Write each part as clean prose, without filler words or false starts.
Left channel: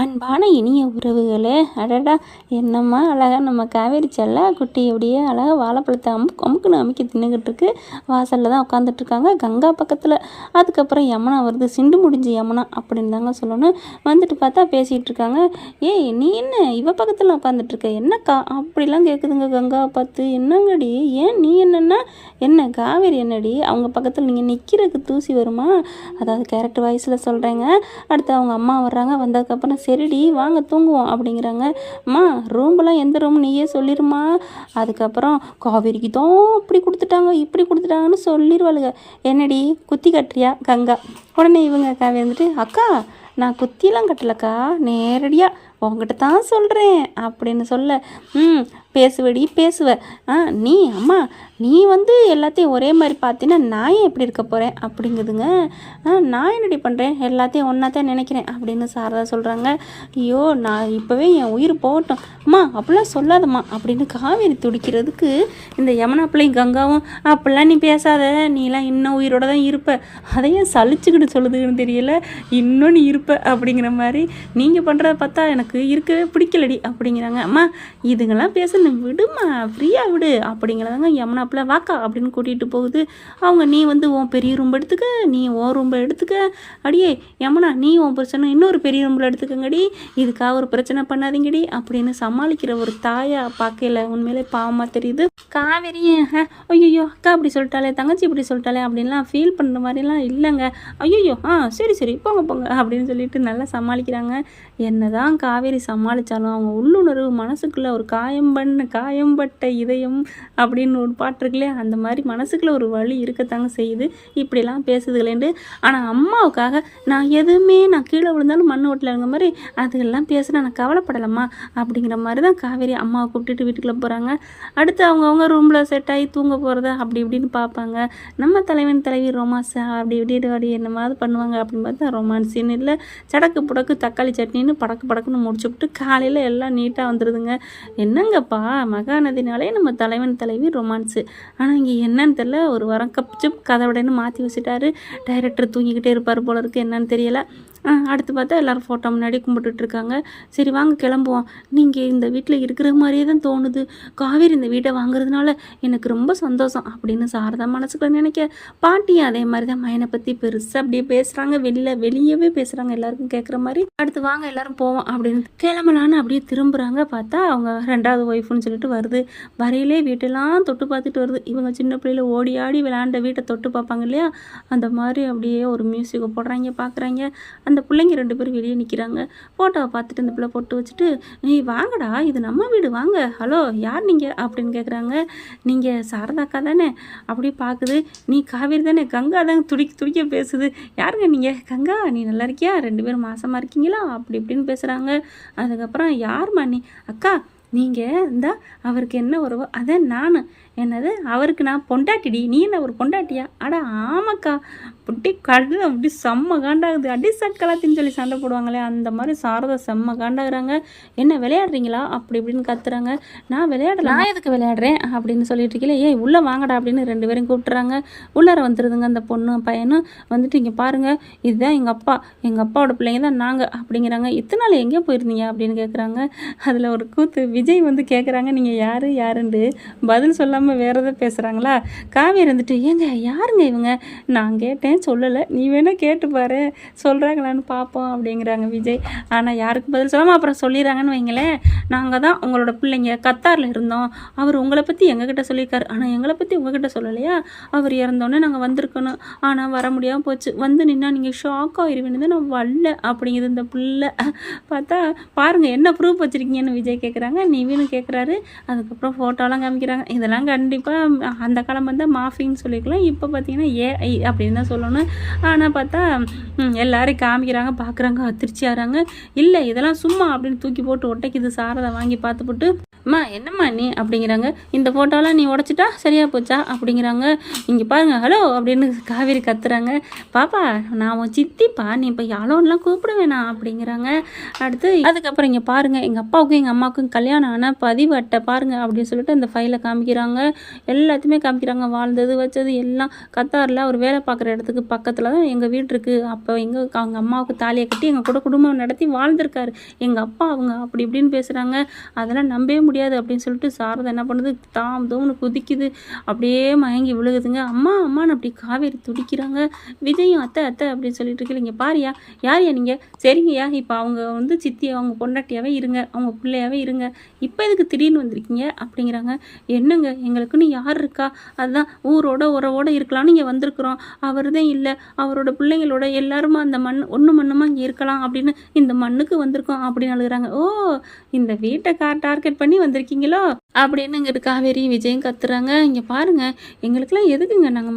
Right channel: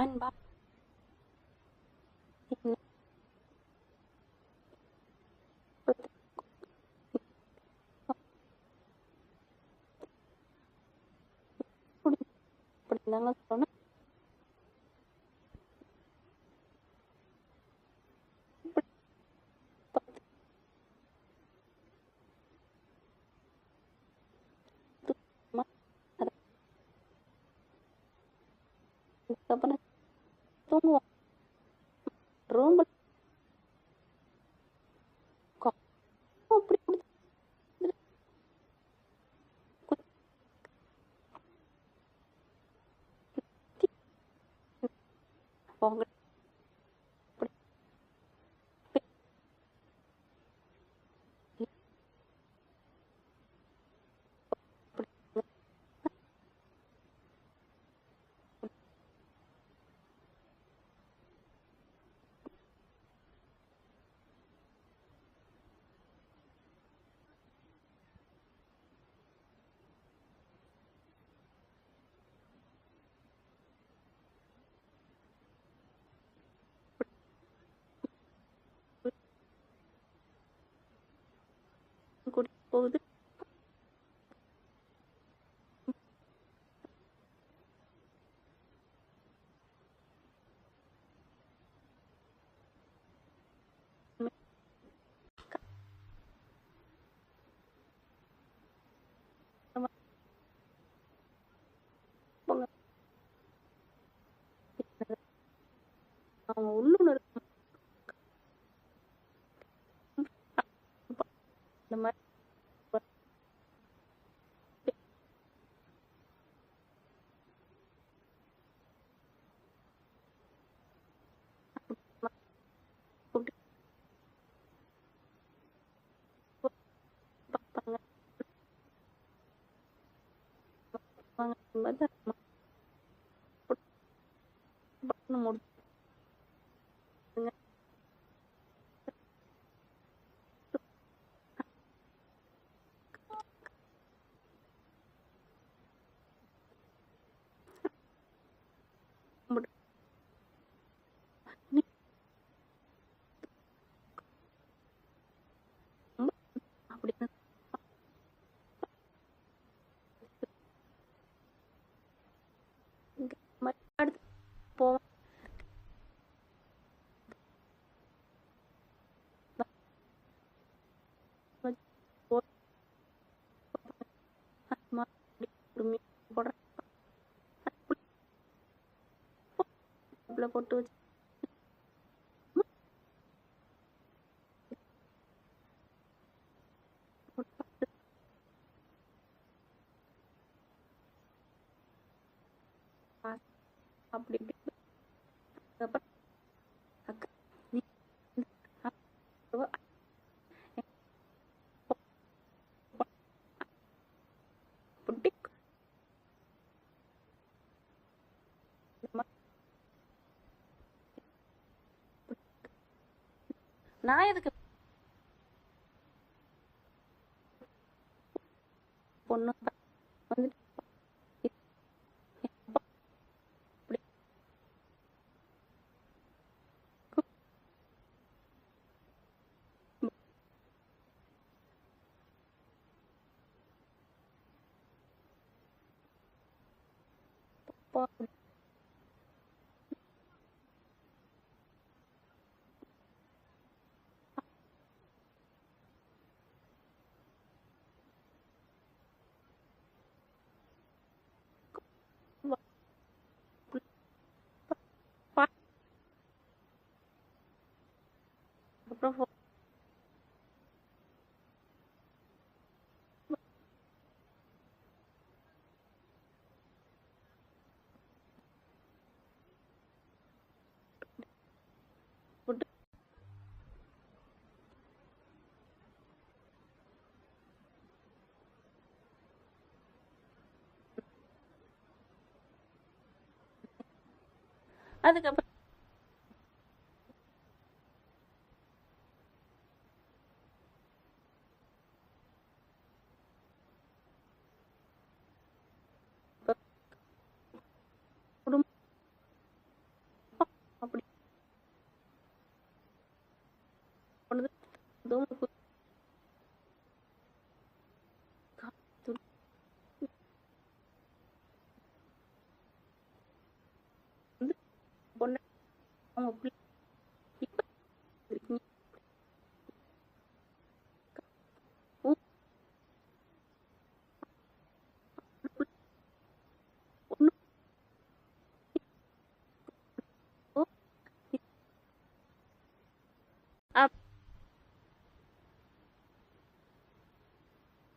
அன்பான இனிய உறவுகளே, அடடா! என்னம்மா அழகா நம்ம காவேரி செல்ல குட்டி அப்படியே அழகா வாழைப்பழத்தை அமுக்குன்னு அமுக்கி தின்னுக்கிட்டு இருக்கு. வாசலில் தான் உட்காந்துட்ருக்காங்க கங்கா பக்கத்தில். அதுக்கப்புறம் யமுனா வருது. சிண்டு முடிஞ்சு யமுனா அப்படின்னு தாங்க சொல்லணும். வந்துட்டு பார்த்தா பேசிகிட்டு இருக்காங்க. ஏய், நீ என்ன இவ பக்கத்தில் உட்காந்துட்ருக்க? என்னக்கா அப்படிலாம் கேட்குதுங்க கங்காவை பார்த்து. என்னங்கடி, ஏன் நீ என்னன்னா என்ன காவேரி என்னடி அவங்க பக்கத்தில் நீங்கள் நிற்கிறதுக்கு தூசி வருமா? அதாவது கேரக்டர் வாய்ஸில் சொல்கிறேங்க. அடுத்து அவங்க அம்மா வர்றாங்க. வந்ததுக்கப்புறம் சரிடி வாங்க தூங்குவோம் அப்படிங்கிறாங்க. அம்மா ரூம்பெல்லாம் எந்த ரூம் நீயே சொல்லிடுமா. அதுக்கப்புறம் காவேரிக்கு தான் இப்படி கொடுத்துட்டாங்க இப்படி கொடுத்துட்டாங்கன்னு சொல்லிடுவாளுங்க. என்னடி குத்தி கட்டுறியா கங்கா? உடனே இவங்க காவேரி வந்துட்டு, அக்கா நான் குத்தியெல்லாம் கட்டலக்கா, நேரடியாக உங்ககிட்ட தான் சொல்கிறேன் அப்படின்னு சொல்ல, பேசுவடி பேசுவ. நீ அம்மா நீ வந்து எல்லாத்தையும் ஒரே மாதிரி பார்த்தீங்கன்னா நான் ஏன் எப்படி இருக்க போகிறேன் அப்படிங்குதுங்க. நான் என்னடி பண்ணுறேன், எல்லாத்தையும் ஒன்றா தான் நினைக்கிறேன் அப்படின்னு சாரதா சொல்கிறாங்க. ஐயோ, நான் இப்போவே என் உயிர் போகட்டும் அம்மா அப்படிலாம் சொல்லாதம்மா அப்படின்னு காவேரி துடிக்கிறதுக்கு இந்த யமுனா பிள்ளையும் கங்காவும், அப்படிலாம் நீ பேசாத, நீலாம் இன்னும் உயிரோட தான் இருப்ப, அதையும் சலிச்சுக்கிட்டு சொல்லுதுன்னு தெரியல, இன்னும் நீ இருப்ப அப்படிங்கிற மாதிரி நீங்கள் பண்ணுறத பார்த்தா எனக்கு இருக்கவே பிடிக்கலடி அப்படிங்கிறாங்க. அம்மா இதுங்கெல்லாம் பேசணும் விடுமா, ஃப்ரீயாக விடு அப்படிங்கிறதாங்க யமுனா பிள்ளை வாக்கா அப்படின்னு கூட்டிகிட்டு போகுது. அவங்க நீ வந்து உன் பெரிய ரூம் எடுத்துக்க, நீ உன் ரூம்பை எடுத்துக்க, அடியே யமுனா நீ உன் பிரச்சனை இன்னொரு பெரிய ரூம்பில் எடுத்துக்கங்கடி, இதுக்காக ஒரு பிரச்சனை பண்ணாதீங்கடி அப்படின்னு சமாளிக்கிற ஒரு தாயா பார்க்கல உண்மையிலே பாவமாக தெரியுது. காவேரி ஐயோ அக்கா அப்படி சொல்லிட்டாலே, தங்கச்சி இப்படி சொல்லிட்டாலே அப்படின்லாம் ஃபீல் பண்ணுற மாதிரிலாம் இல்லைங்க. ஐயோ சரி சரி போங்க போங்க அப்படின்னு சொல்லிட்டு நல்லா சமாளிக்கிறாங்க. என்னதான் காவேரி சமாளித்தாலும் அவங்க உள்ளுணர்வு மனசுக்குள்ளே ஒரு காயம்பட்ட இதயம் அப்படின்னு ஒரு பாட்டு இருக்குல்லையே, அந்த மாதிரி மனசுக்குள்ளே ஒரு வலி இருக்கத்தாங்க செய்யுது இப்படிலாம் பேசுதுகளேண்டு. ஆனால் அம்மாவுக்காக நான் எதுவுமே நான் கீழே விழுந்தாலும் மண் ஓட்டலைங்கிற மாதிரி அதுக்கெல்லாம் பேசுனா நான் கவலைப்படலாமா அப்படிங்கிற மாதிரி தான் காவேரி அம்மாவை கூப்பிட்டுட்டு வீட்டுக்குள்ளே போகிறாங்க. அடுத்து அவங்கவுங்க ரூமில் செட் ஆகி தூங்க போகிறத அப்படி இப்படின்னு பார்ப்பாங்க. நம்ம தலைவன் தலைவி ரொமான்ஸ் அப்படி இப்படி என்னமாவது பண்ணுவாங்க அப்படின்னு பார்த்தா ரொமான்ஸின்னு இல்லை, சடக்கு புடக்கு தக்காளி சட்னின்னு படக்குன்னு முடிச்சுவிட்டு காலையில் எல்லாம் நீட்டாக வந்துடுதுங்க. என்னங்கப்பா மகாநதினாலே நம்ம தலைவன் தலைவி ரொமான்ஸு, ஆனால் இங்கே என்னன்னு தெரியல, ஒரு வாரம் கப்சிப் கதவுடன்னு மாற்றி வச்சுட்டாரு. டைரக்டர் தூங்கிக்கிட்டே இருப்பார் போல இருக்குது, என்னன்னு தெரியலை. அடுத்து பார்த்தா எல்லோரும் ஃபோட்டோ முன்னாடி கும்பிட்டுட்ருக்காங்க. சரி வாங்க கிளம்புவோம், நீங்கள் இந்த வீட்டில் இருக்கிற மாதிரியே தான் தோணுது, காவேரி இந்த வீட்டை வாங்குறதுனால எனக்கு ரொம்ப சந்தோஷம் அப்படின்னு சாரதா மனசுக்குள்ள நினைக்க, பாட்டியும் அதே மாதிரி தான் மயனை பற்றி பெருசாக அப்படியே பேசுகிறாங்க, வெளியவே பேசுகிறாங்க எல்லாருக்கும் கேட்குற மாதிரி. அடுத்து வாங்க எல்லோரும் போவோம் அப்படின்னு கிளம்பலான்னு அப்படியே திரும்புகிறாங்க. பார்த்தா அவங்க ரெண்டாவது ஒய்ஃப்னு சொல்லிட்டு வருது. வரையிலே வீட்டெல்லாம் தொட்டு பார்த்துட்டு வருது. இவங்க சின்ன பிள்ளையில ஓடி ஆடி விளையாண்ட வீட்டை தொட்டு பார்ப்பாங்க இல்லையா, அந்த மாதிரி அப்படியே ஒரு மியூசிக்கை போடுறாங்க பார்க்குறாங்க. அந்த பிள்ளைங்க 2 பேரும் வெளியே நிற்கிறாங்க. ஃபோட்டோவை பார்த்துட்டு அந்த பிள்ளை போட்டு வச்சுட்டு, நீ வாங்கடா இது நம்ம வீடு வாங்க, ஹலோ யார் நீங்கள் அப்படின்னு கேட்குறாங்க. நீங்கள் சாரதாக்கா தானே அப்படியே பார்க்குது. நீ காவேரி தானே? கங்கா தான் துடிக்க பேசுது. யாருங்க நீங்கள்? கங்கா நீ நல்லா இருக்கியா, 2 பேரும் மாசமாக இருக்கீங்களா அப்படி இப்படின்னு பேசுகிறாங்க. அதுக்கப்புறம் யார்மா நீ? அக்கா நீங்கள் இந்த அவருக்கு என்ன உறவோ அதான் நான். என்னது அவருக்கு நான் பொண்டாட்டிடி, நீ என்ன ஒரு பொண்டாட்டியா? அடா ஆமாக்கா, அப்படி கடு அப்படி செம்ம காண்டாகுது, அடி சக்கலாத்தின்னு சொல்லி சண்டை போடுவாங்களே அந்த மாதிரி சாரதா செம்ம காண்டாகிறாங்க. என்ன விளையாடுறீங்களா அப்படி இப்படின்னு கத்துறாங்க. நான் விளையாடல, நான் எதுக்கு விளையாடுறேன் அப்படின்னு சொல்லிட்டு இருக்கீங்களே, ஏய் உள்ளே வாங்கடா அப்படின்னு 2 பேரும் கூப்பிட்டுறாங்க. உள்ளார வந்துடுதுங்க அந்த பொண்ணும் பையனும். வந்துட்டு இங்கே பாருங்கள் இதுதான் எங்கள் அப்பாவோட பிள்ளைங்க தான் நாங்கள் அப்படிங்கிறாங்க. இத்தனை நாள் எங்கேயோ போயிருந்தீங்க அப்படின்னு கேட்குறாங்க. அதில் ஒரு கூத்து விஜய் வந்து கேட்குறாங்க, நீங்கள் யாருன்னு பதில் சொல்லாமல் வேறு எதாவது பேசுகிறாங்களா. காவேரி வந்துட்டு, ஏங்க யாருங்க இவங்க? நான் கேட்டேன் சொல்லலை, நீ வேணால் கேட்டு பாரு சொல்கிறாங்களான்னு பார்ப்போம் அப்படிங்கிறாங்க விஜய். ஆனால் யாருக்கு பதில் சொல்லாமல் அப்புறம் சொல்லிடுறாங்கன்னு வைங்களேன், நாங்கள் தான் உங்களோட பிள்ளைங்க கத்தாரில் இருந்தோம், அவர் உங்களை பற்றி எங்ககிட்ட சொல்லியிருக்காரு, ஆனால் எங்களை பற்றி உங்ககிட்ட சொல்லலையா, அவர் இறந்தோன்னே நாங்கள் வந்திருக்கணும், ஆனால் வர முடியாமல் போச்சு, வந்து நின்னா நீங்கள் ஷாக் ஆகிருவேன்னு தான் நான் வரல அப்படிங்குது இந்த பிள்ளை. பார்த்தா பாருங்கள் என்ன ப்ரூஃப் வச்சுருக்கீங்கன்னு விஜய் கேட்குறாங்க. நீவின்னு கேட்குறாரு. அதுக்கப்புறம் ஃபோட்டோலாம் காமிக்கிறாங்க. இதெல்லாம் கண்டிப்பாக அந்த காலம் வந்து மாஃபின்னு சொல்லிக்கலாம், இப்போ பார்த்தீங்கன்னா ஏஐ அப்படின்னு தான் சொல்லணும். ஆனால் பார்த்தா எல்லாரும் காமிக்கிறாங்க, பார்க்குறாங்க, அதிர்ச்சி ஆகிறாங்க. இல்லை இதெல்லாம் சும்மா அப்படின்னு தூக்கி போட்டு ஒட்டைக்குது சாரதை வாங்கி பார்த்துப்பட்டு. அம்மா என்னம்மா நீ அப்படிங்கிறாங்க. இந்த ஃபோட்டோலாம் நீ உடச்சிட்டா சரியாக போச்சா அப்படிங்கிறாங்க. இங்கே பாருங்க ஹலோ அப்படின்னு காவேரி கத்துறாங்க. பாப்பா நான் உன் சித்திப்பா, நீ இப்போ ஹலோன்லாம் கூப்பிட வேணாம் அப்படிங்கிறாங்க. அடுத்து அதுக்கப்புறம் இங்கே பாருங்கள் எங்கள் அப்பாவுக்கும் எங்கள் அம்மாவுக்கும் கல்யாணம் ஆன பதிவு அட்டை பாருங்கள் அப்படின்னு சொல்லிட்டு அந்த ஃபைலை காமிக்கிறாங்க. எல்லாத்தையுமே காமிக்கிறாங்க. வாழ்ந்தது வச்சது எல்லாம் கத்தாரில் அவர் வேலை பார்க்குற இடத்துக்கு பக்கத்தில் தான் எங்கள் வீடு இருக்குது. அப்போ அவங்க அம்மாவுக்கு தாலியை கட்டி எங்கள் கூட குடும்பம் நடத்தி வாழ்ந்திருக்காரு எங்கள் அப்பா. அவங்க அப்படி இப்படின்னு பேசுகிறாங்க. அதெல்லாம் நம்பவே முடியாது அப்படின்னு சொல்லிட்டு சாரதா என்ன பண்ணுது, தாம் தூம்னு குதிக்குது. அப்படியே மயங்கி விழுகுதுங்க. அம்மா அம்மான்னு அப்படி காவேரி துடிக்கிறாங்க. விஜயும் அத்தை அத்தை அப்படின்னு சொல்லிட்டு இருக்கீங்க. இங்கே பாரியா யாரையா நீங்கள், சரிங்கய்யா இப்போ அவங்க வந்து சித்தி அவங்க பொண்டாட்டியாவே இருங்க, அவங்க பிள்ளையாவே இருங்க, இப்போ எதுக்கு திடீர்னு வந்திருக்கீங்க அப்படிங்கிறாங்க. என்னங்க எங்களுக்குன்னு யார் இருக்கா, அதுதான் ஊரோட உறவோட இருக்கலாம்னு இங்கே வந்திருக்கிறோம். அவர் தான் இல்லை, அவரோட பிள்ளைங்களோட எல்லாருமா அந்த ஒன்று மண்ணுமா இங்கே இருக்கலாம் அப்படின்னு இந்த மண்ணுக்கு வந்திருக்கோம் அப்படின்னு அழுகுறாங்க. ஓ இந்த வீட்டை டார்கெட் பண்ணி வந்திருக்கீங்களோ அப்படின்னு இங்கிட்டு காவேரி விஜயும் கத்துறாங்க. இங்கே பாருங்கள் எங்களுக்கெல்லாம் எதுக்குங்க, நாங்கள்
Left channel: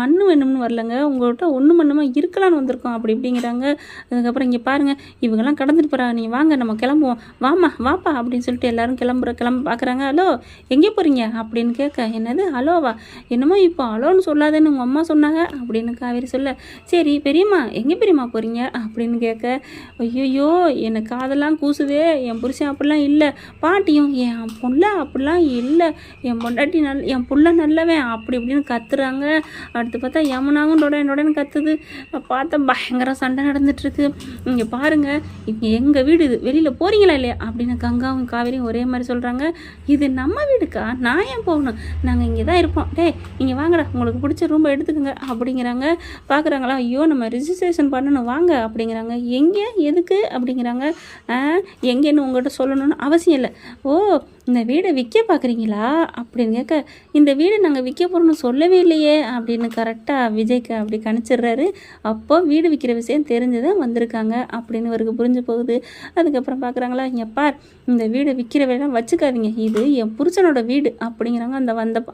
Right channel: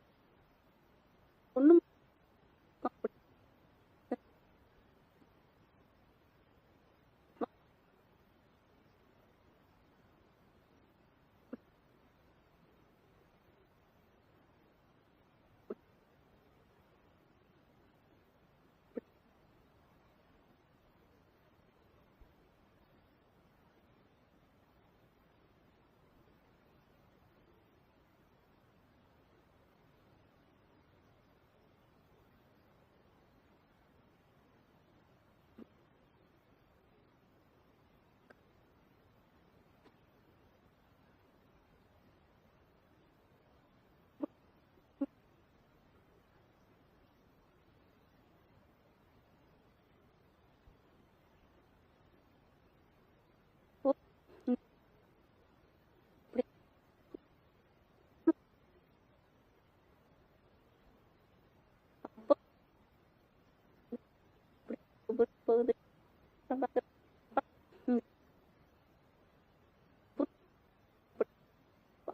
மண்ணு வேணும்னு வரலங்க, உங்கள்கிட்ட ஒன்று மண்ணுமா இருக்கலான்னு வந்திருக்கோம் அப்படி இப்படிங்கிறாங்க. அதுக்கப்புறம் இங்கே பாருங்கள் இவங்கெல்லாம் கடந்துட்டு போகிறாங்க, நீ வாங்க நம்ம கிளம்புவோம், வாமா வாப்பா அப்படின்னு சொல்லிட்டு எல்லாரும் கிளம்ப பார்க்குறாங்க. ஹலோ எங்கே போகிறீங்க அப்படின்னு கேட்க, என்னது ஹலோவா, என்னமோ இப்போ ஹலோன்னு சொல்லாதேன்னு உங்கள் அம்மா சொன்னாங்க அப்படின்னு காவேரி சொல்ல, சரி பெரியம்மா எங்கே பெரியம்மா போகிறீங்க அப்படின்னு கேட்க, ஐயோ எனக்கு காதெல்லாம் கூசுதே, என் புருஷன் அப்படிலாம் இல்லை, பாட்டியும் என் புள்ள அப்படிலாம் இல்லை, என் பொண்டாட்டி என் புள்ள நல்லவன் அப்படி இப்படின்னு கத்துறாங்க. அடுத்து பார்த்தா யமுனாவும் டொடன்னு கத்துது. பார்த்தா பயங்கர சண்டை நடந்துட்டுருக்கு. இங்கே பாருங்கள் இங்கே எங்கள் வீடு, இது வெளியில் போகிறீங்களா இல்லையா அப்படின்னு கங்காவும் காவேரியும் ஒரே மாதிரி சொல்கிறாங்க. இது நம்ம வீடுக்கா, நான் ஏன் போகணும், நாங்கள் இங்கே தான் இருப்போம், டேய் நீங்கள் வாங்கடா உங்களுக்கு பிடிச்ச ரூம்பை எடுத்துக்கோங்க அப்படிங்கிறாங்க. பார்க்குறாங்களா, ஐயோ நம்ம ரிஜிஸ்ட்ரேஷன் பண்ணணும் வாங்க அப்படிங்கிறாங்க. எங்கே எதுக்கு அப்படிங்கிறாங்க. எங்கேன்னு உங்கள்கிட்ட சொல்லணும்னு அவசியம் இல்லை. ஓ இந்த வீடை விற்க பார்க்குறீங்களா அப்படின்னு கேட்க, இந்த வீடு நாங்கள் விற்க போகிறோம்னு சொல்லவே இல்லையே அப்படின்னு கரெக்டாக விஜய்க்கு அப்படி கணிச்சிடுறாரு. அப்போ வீடு விற்கிற விஷயம் தெரிஞ்சுதான் வந்திருக்காங்க அப்படின்னு இவருக்கு புரிஞ்சு போகுது. அதுக்கப்புறம் பார்க்குறாங்களா, இங்கே பார் இந்த வீடை விற்கிற வேலைலாம் வச்சுக்காதீங்க, இது என் புருஷனோட வீடு அப்படிங்கிறாங்க.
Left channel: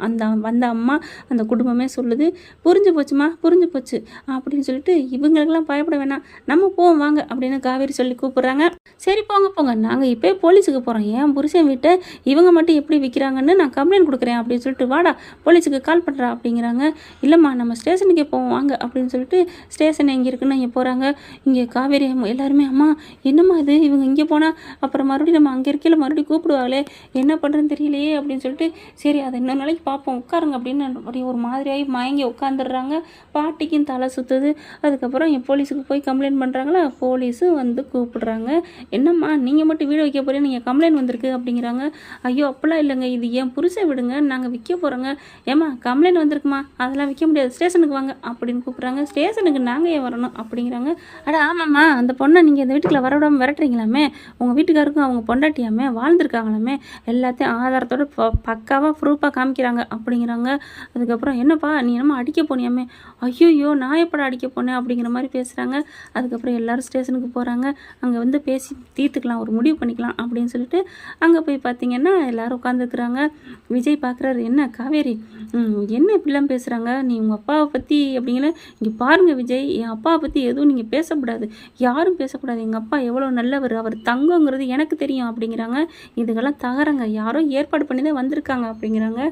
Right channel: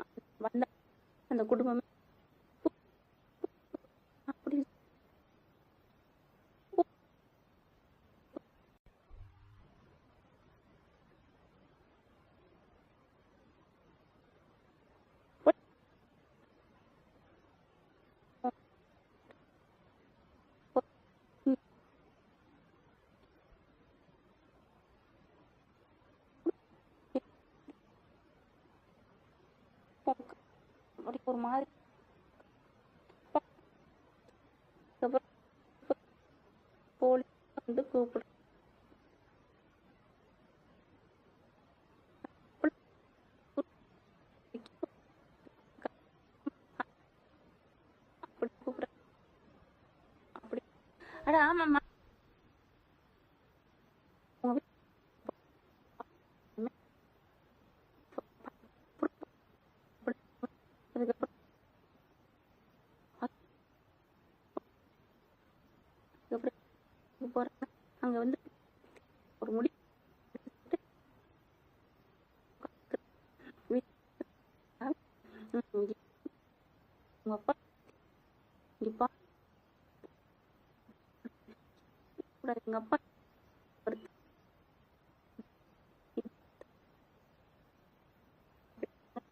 அந்த அம்மா அந்த குடும்பமே சொல்லுது. புரிஞ்சு போச்சுமா புரிஞ்சு போச்சு அப்படின்னு சொல்லிட்டு இவங்களுக்கெல்லாம் பயப்பட வேணாம், நம்ம போவோம் வாங்க அப்படின்னு காவேரி சொல்லி கூப்பிட்றாங்க. சரி போங்க போங்க, நாங்கள் இப்போ போலீஸுக்கு போகிறோம், என் புருஷன் வீட்டை இவங்க மட்டும் எப்படி விற்கிறாங்கன்னு நான் கம்ப்ளைண்ட் கொடுக்குறேன் அப்படின்னு சொல்லிட்டு வாடா போலீஸுக்கு கால் பண்ணுறா அப்படிங்கிறாங்க. இல்லைம்மா நம்ம ஸ்டேஷனுக்கே போவோம் வாங்க அப்படின்னு சொல்லிட்டு ஸ்டேஷன் எங்கே இருக்குன்னு இங்கே போகிறாங்க. இங்கே காவேரி எல்லாருமே அம்மா என்னம்மா இது, இவங்க இங்கே போனால் அப்புறம் மறுபடியும் நம்ம அங்கே இருக்கையில் மறுபடியும் கூப்பிடுவாங்களே, என்ன பண்ணுறதுன்னு தெரியலையே அப்படின்னு சொல்லிட்டு சரி அதை இன்னொரு நாளைக்கு பார்ப்போம் உட்காருங்க அப்படின்னு அப்படி ஒரு மாதிரியாகி மயங்கி உட்காந்துடுறாங்க. பாட்டிக்கும் தலை சுற்றுது. அதுக்கப்புறம் என் போலீஸுக்கு போய் கம்ப்ளைண்ட் பண்ணுறாங்களா, போலீஸும் வந்து கூப்பிடுறாங்க. என்னம்மா நீங்கள் மட்டும் வீடு வைக்க போகிறேன், நீங்கள் கம்ப்ளைண்ட் வந்திருக்கு அப்படிங்கிறாங்க. ஐயோ அப்பெல்லாம் இல்லைங்க, இது என் புருஷன் விடுங்க, நாங்கள் விற்க போகிறோங்க. ஏம்மா கம்ப்ளைண்ட் வந்திருக்குமா, அதெல்லாம் விற்க முடியாது, ஸ்டேஷனுக்கு வாங்க அப்படின்னு கூப்பிட்றாங்க. ஸ்டேஷனுக்கு நாங்கள் ஏன் வரணும் அப்படிங்கிறாங்க. அட ஆமாம்மா அந்த பொண்ணை நீங்கள் இந்த வீட்டுக்குள்ள வரவிடாமல் விரட்டுறீங்களாமே, உங்கள் வீட்டுக்காருக்கும் அவங்க பொண்டாட்டியாமே வாழ்ந்துருக்காங்களாமே, எல்லாத்தையும் ஆதாரத்தோட பக்காவாக ப்ரூஃபாக காமிக்கிறாங்க அப்படிங்கிறாங்க. அதுக்கப்புறம் என்னப்பா நீ என்னமோ அடிக்க போனியாமே, ஐயோயோ நான் எப்படா அடிக்க போனேன் அப்படிங்கிற மாதிரி பேசுகிறாங்க. அதுக்கப்புறம் எல்லோரும் ஸ்டேஷனுக்கு போகிறாங்க. அங்கே வந்து பேசி தீர்த்துக்கலாம், ஒரு முடிவு பண்ணிக்கலாம் அப்படின்னு சொல்லிட்டு அங்கே போய் பார்த்தீங்கன்னா எல்லோரும் உட்காந்துருக்குறாங்க. விஜய் பார்க்குறாரு, என்ன காவேரி என்ன இப்படிலாம் பேசுகிறாங்க, நீ உங்கள் அப்பாவை பற்றி அப்படிங்கிற, இங்கே பாருங்கள் விஜய் என் அப்பாவை பற்றி எதுவும் நீங்கள் பேசக்கூடாது, யாரும் பேசக்கூடாது, எங்கள் அப்பா எவ்வளோ நல்லவர், அவர் தங்கங்கிறது எனக்கு தெரியும் அப்படிங்கிறாங்க. இதுக்கெல்லாம் தகரங்க, யாரோ ஏற்பாடு பண்ணி தான் வந்திருக்காங்க அப்படிங்கிறாங்க.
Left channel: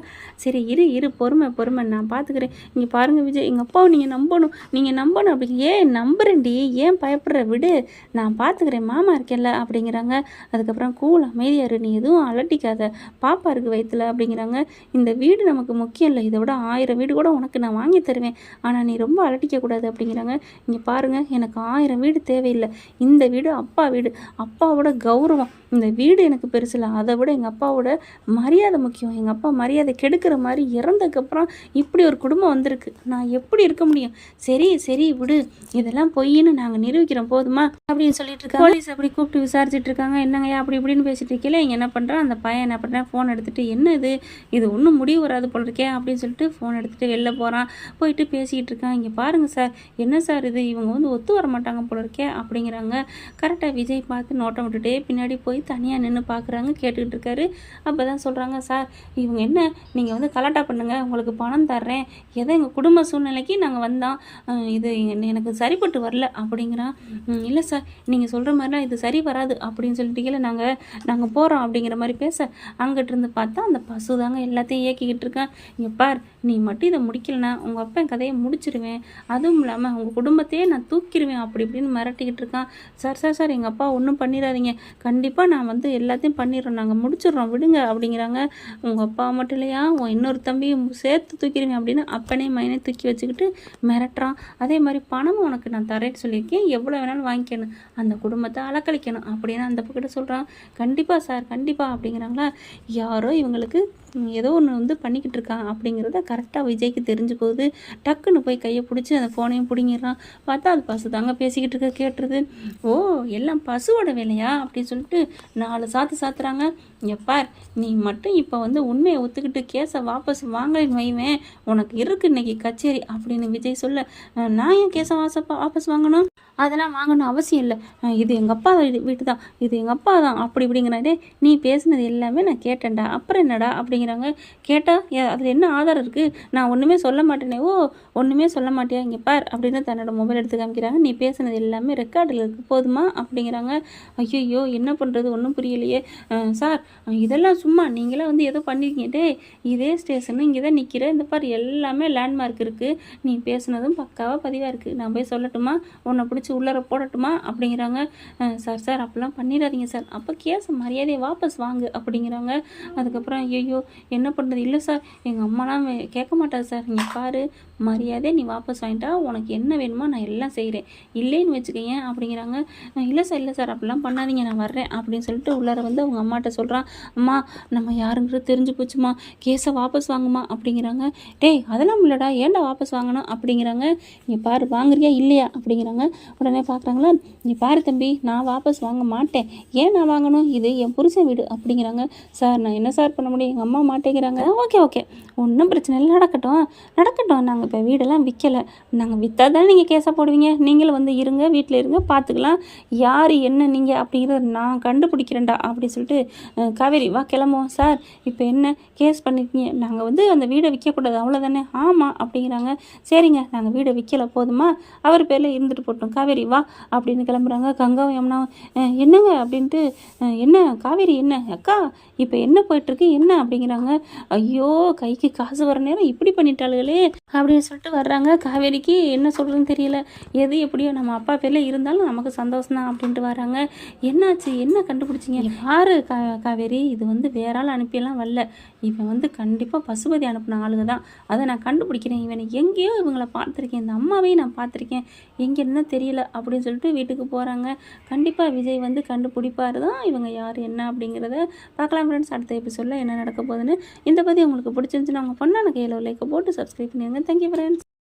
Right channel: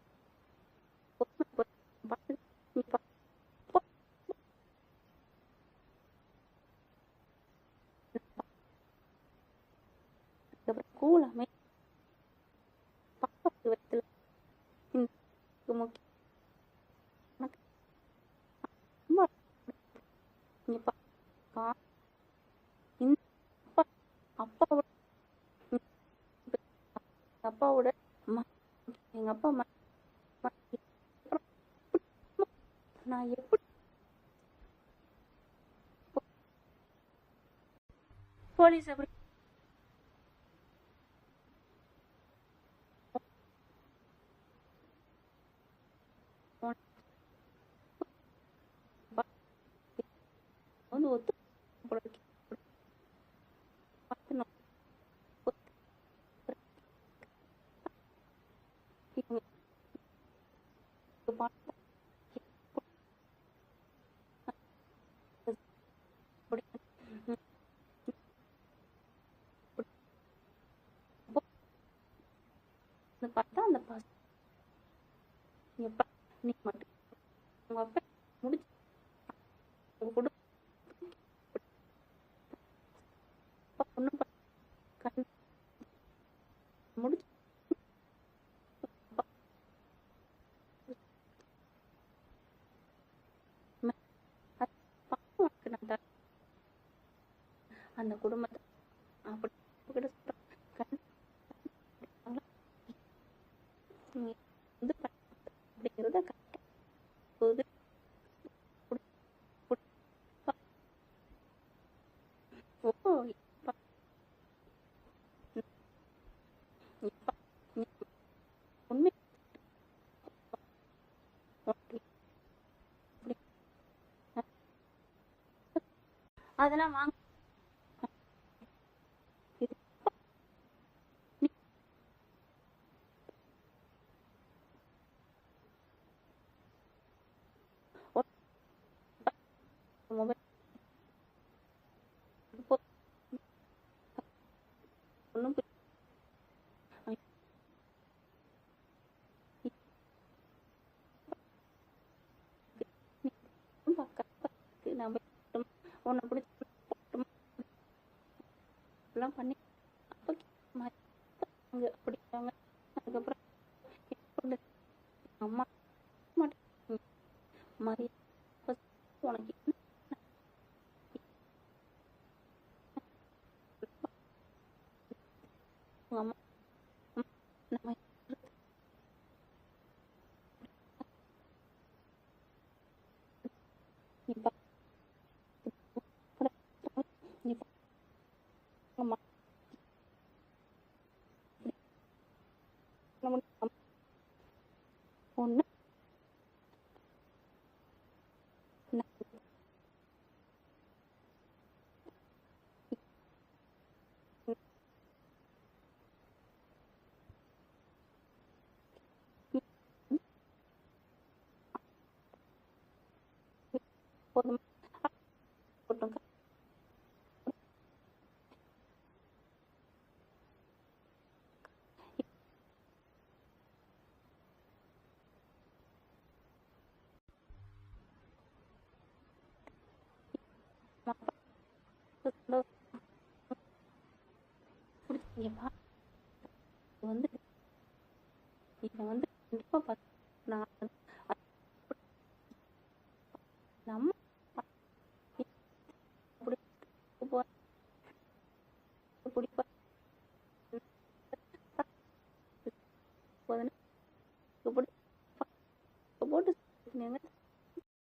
சரி இரு பொறுமை நான் பார்த்துக்கிறேன். இங்கே பாருங்கள் விஜய் எங்கள் அப்பாவை நீங்கள் நம்பணும் அப்படிங்க. ஏன் நம்புறேன்டி, ஏன் பயப்படுற, விடு நான் பார்த்துக்கிறேன், மாமா இருக்கேன்ல அப்படிங்கிறாங்க. அதுக்கப்புறம் கூல் அமைதியாரு, நீ எதுவும் அலட்டிக்காத, பாப்பா இருக்குது வயிற்றுல அப்படிங்கிறாங்க. இந்த வீடு நமக்கு முக்கியம் இல்லை, இதை விட 1000 வீடு கூட உனக்கு நான் வாங்கி தருவேன், ஆனால் நீ ரொம்ப அலட்டிக்கக்கூடாது அப்படிங்கிறாங்க. இங்கே பாருங்கள் எனக்கு 1000 வீடு தேவையில்லை, இந்த வீடு அப்பா வீடு, அப்பாவோட கௌரவம், இந்த வீடு எனக்கு பெருசில்லை, அதை விட எங்கள் அப்பாவோட மரியாதை முக்கியம், எங்கள் அப்பா மரியாதை கெடுக்கிற மாதிரி இறந்ததுக்கப்புறம் இப்படி ஒரு குடும்பம் வந்திருக்கு, நான் எப்படி இருக்க முடியும், சரி விடு, இதெல்லாம் பொய்ன்னு நாங்கள் நிரூபிக்கிறோம் போதுமா அப்படின்னு சொல்லிட்டு இருக்காங்க. போலீஸ் அப்படி கூப்பிட்டு விசாரிச்சுட்டு இருக்காங்க. என்னங்கய்யா அப்படி இப்படின்னு பேசிட்டு இருக்கல, இங்கே என்ன பண்ணுறான் அந்த பையன் என்ன பண்ணுறான், ஃபோன் எடுத்துகிட்டு என்ன இது ஒன்றும் முடிவு வராது போல இருக்கே அப்படின்னு சொல்லிட்டு ஃபோன் எடுத்துகிட்டு வெளில போகிறான். போயிட்டு பேசிக்கிட்டு இருக்கான். இங்கே பாருங்கள் சார், என்ன சார் இது, இவங்க வந்து ஒத்து வர மாட்டாங்க போல இருக்கே அப்படிங்கிறாங்க. கரெக்டாக விஜய் பார்த்து நோட்டம் விட்டுட்டே பின்னாடி போய் தனியாக நின்று பார்க்குறாங்க, கேட்டுக்கிட்டு இருக்காரு. அப்போ தான் சொல்கிறாங்க, சார் இவங்க என்ன, நீங்கள் வந்து கலாட்டா பண்ணுங்கள், உங்களுக்கு பணம் தர்றேன், ஏதோ எங்கள் குடும்ப சூழ்நிலைக்கு நாங்கள் வந்தோம், இது எனக்கு சரிப்பட்டு வரல அப்படிங்கிறான். இல்லை சார் நீங்கள் சொல்கிற மாதிரிலாம் இது சரி வராது அப்படின்னு சொல்லிட்டீங்கள, நாங்கள் போகிறோம் அப்படிங்கிற மாதிரி பேச அங்கிட்டு இருந்து பார்த்தா அந்த பசு தாங்க எல்லாத்தையும் இயக்கிக்கிட்டு இருக்கேன். இங்கே பார், நீ மட்டும் இதை முடிக்கலனா உங்கள் அப்பா என் கதையை முடிச்சிருவேன், அதுவும் இல்லாமல் உங்கள் குடும்பத்தையே நான் தூக்கிடுவேன் அப்படி இப்படின்னு மிரட்டிக்கிட்டு இருக்கான். சார் சார் சார் எங்கள் அப்பா ஒன்றும் பண்ணிடாதீங்க, கண்டிப்பாக நான் வந்து எல்லாத்தையும் பண்ணிடுறோம், நாங்கள் முடிச்சிடுறோம் விடுங்க அப்படிங்கிறாங்க. உங்கள் அப்பா மட்டும் இல்லையா, உன் இன்னொரு தம்பியும் சேர்த்து தூக்கிடுவேன் அப்படின்னு அப்பனே மைனே தூக்கி வச்சுக்கிட்டு மிரட்டுறான். அதே மாதிரி பணமும் உனக்கு நான் தரேன்னு சொல்லியிருக்கேன், எவ்வளோ வேணாலும் வாங்கிக்கணும், அந்த குடும்பத்தை அலக்கழிக்கணும் அப்படின்னு அந்த பக்கிட்ட சொல்கிறான். கண்டிப்பாக சார் கண்டிப்பாக அப்படிங்கிறாங்களா. யாரோ இவங்களுக்கு ஏதோ ஒன்று வந்து பண்ணிக்கிட்டு இருக்கான் அப்படிங்கிறத கரெக்டாக விஜய்க்கு தெரிஞ்சு போகுது. டக்குன்னு போய் கையை பிடிச்சி அந்த ஃபோனையும் பிடிங்கிடுறான். பார்த்தா அது பசு தாங்க பேசிக்கிட்டு இருக்க கேட்டுருது. ஓ, எல்லாம் பசுவோட வேலையா அப்படின்னு சொல்லிட்டு 4 சாத்துறாங்க. எப்பார், நீ மட்டும் இப்போ வந்து உண்மையை ஒத்துக்கிட்டு கேஸை வாபஸ் வாங்கலைன்னு வைவேன், உனக்கு இருக்கு இன்னைக்கு கச்சேரி அப்படின்னு விஜய் சொல்ல, நான் ஏன் கேஸை வாபஸ் வாங்கணும், அதெல்லாம் வாங்கணும் அவசியம் இல்லை, இது எங்கள் அப்பா வீட்டு தான், இது எங்கள் அப்பா தான் அப்படி இப்படிங்கிறாடே, நீ பேசுனது எல்லாமே நான் கேட்டேன்டா, அப்புறம் என்னடா அப்படிங்கிறாங்க. கேட்டால் அதில் என்ன ஆதாரம் இருக்குது, நான் ஒன்றுமே சொல்ல மாட்டேனே. ஓ, ஒன்றுமே சொல்ல மாட்டியா, இங்கே பார் அப்படின்னு தன்னோட மொபைல் எடுத்து காமிக்கிறாங்க. நீ பேசுனது எல்லாமே ரெக்கார்டில் இருக்குது போதுமா அப்படிங்கிறாங்க. ஐயோ என்ன பண்ணுறது ஒன்றும் புரியலையே. சார் இதெல்லாம் சும்மா நீங்களாம் வந்து ஏதோ பண்ணிருக்கீங்க, டே இதே ஸ்டேஷனு இங்கே தான் நிற்கிற, இந்த பார் எல்லாமே லேண்ட்மார்க் இருக்குது, நீ பேசுனதும் பக்காவாக பதிவாக இருக்குது, நான் போய் சொல்லட்டுமா, உன்னை பிடிச்சி உள்ளர போடட்டுமா அப்படிங்கிறாங்க. சார் சார் அப்படிலாம் பண்ணிடாதீங்க சார், அப்போ கேஸை மரியாதையை வாபஸ் வாங்கு அப்படிங்கிறாங்க. அதுக்கப்புறம் ஐயோ என்ன பண்ணுறது, இல்லை சார் எங்கள் அம்மாலாம் கேட்க மாட்டாது சார், இங்கே பாரு மரியாதை நீ வாபஸ் வாங்கிட்டா உனக்கு என்ன வேணுமோ நான் எல்லாம் செய்கிறேன், இல்லைன்னு வச்சுக்கேன் அப்படிங்கிறாங்க. இல்லை சார் அப்படிலாம் பண்ணாதீங்க, நான் வர்றேன் அப்படின்னு சொல்லிட்டு உள்ளார வந்து அவங்க அம்மாட்ட சொல்கிறான். அம்மா நம்ம யாருங்கிறது தெரிஞ்சு போச்சுமா, கேஸை வாபஸ் வாங்குமா அப்படிங்கிறாங்க. டேய் அதெல்லாம் இல்லைடா, ஏன்டா வாபஸ் வாங்கணும் அப்படிங்கிறாங்க. இங்கே பாரு வாங்குறியா இல்லையா அப்படிங்கிறாங்க. உடனே பார்க்குறாங்களா, நீ பாரு தம்பி நான் வாபஸ் வாங்க மாட்டேன், ஏன் நான் வாங்கணும், இது என் புருஷன் வீடு அப்படிங்கிறாங்க. சார் நான் என்ன சார் பண்ண முடியும், எங்கள் அம்மா மாட்டேங்கிறாங்க. ஓகே ஒன்றும் பிரச்சனை இல்லை, நடக்கட்டும், நாங்கள் இப்போ வீடெல்லாம் விற்கலை, நாங்கள் விற்றா தானே நீங்கள் கேஸாக போடுவீங்க, நீங்களும் வந்து இருங்க வீட்டில் இருங்க பார்த்துக்கலாம், யார் என்ன நீங்கள் அப்படிங்கிறத நான் கண்டுபிடிக்கிறேன்டா அப்படி சொல்லிட்டு காவேரி வா கிளம்புவோம். சார் இப்போ என்ன கேஸ் பண்ணியிருக்கீங்க, நாங்கள் வந்து அந்த வீடை விற்கக்கூடாது அவ்வளோதானே. ஆமாம் அப்படிங்கிறாங்க. சரிங்க நாங்கள் வீடை விற்கலை போதுமா, அவர் பேரில் இருந்துட்டு போட்டோம், காவேரி வா அப்படின்னு கிளம்புறாங்க. கங்காவும் யமுனா என்னங்க அப்படின்ட்டு, என்ன காவேரி என்ன அக்கா இப்போ என்ன போயிட்டுருக்கு என்ன அப்படிங்கிறாங்க. ஐயோ கைக்கு காசு வர நேரம் இப்படி பண்ணிட்டாளுகளே அப்படின்னு சொல்லிட்டு வர்றாங்க. காவேரிக்கு என்ன சொல்கிறதுன்னு தெரியல, எது எப்படியோ நம்ம அப்பா பேரில் இருந்தாலும் நமக்கு சந்தோஷம் தான் அப்படின்ட்டு வராங்க. என்னாச்சு என்ன கண்டுபிடிச்சிங்க, யாரு காவேரி இது வந்து வேற ஆள் அனுப்பியெல்லாம் வரல, இவன் வந்து கண்டிப்பாக பசுபதி அனுப்பின ஆளுங்க தான், அதை நான் கண்டுபிடிக்கிறேன், இவனை எங்கேயோ இவங்களை பார்த்துருக்கேன், இந்த அம்மாவையும் நான் பார்த்துருக்கேன், எங்கே இருந்தால் தெரியல அப்படின்னு சொல்லிட்டு வீட்டுக்கு போகிறாங்க. கண்டிப்பாக விஜய் வந்து கண்டுபிடிப்பார் தான் இவங்க யார் என்ன அப்படிங்கிறத பார்க்கலாம் ஃப்ரெண்ட்ஸ். அடுத்த எபிசோடில் என்ன நடக்க போகுதுன்னு. இந்த பற்றி உங்களுக்கு பிடிச்சிருந்துச்சுன்னா அவங்க பண்ணான கையில் லைக்கை போட்டு சப்ஸ்கிரைப் பண்ணிடுங்க. Thank you friends.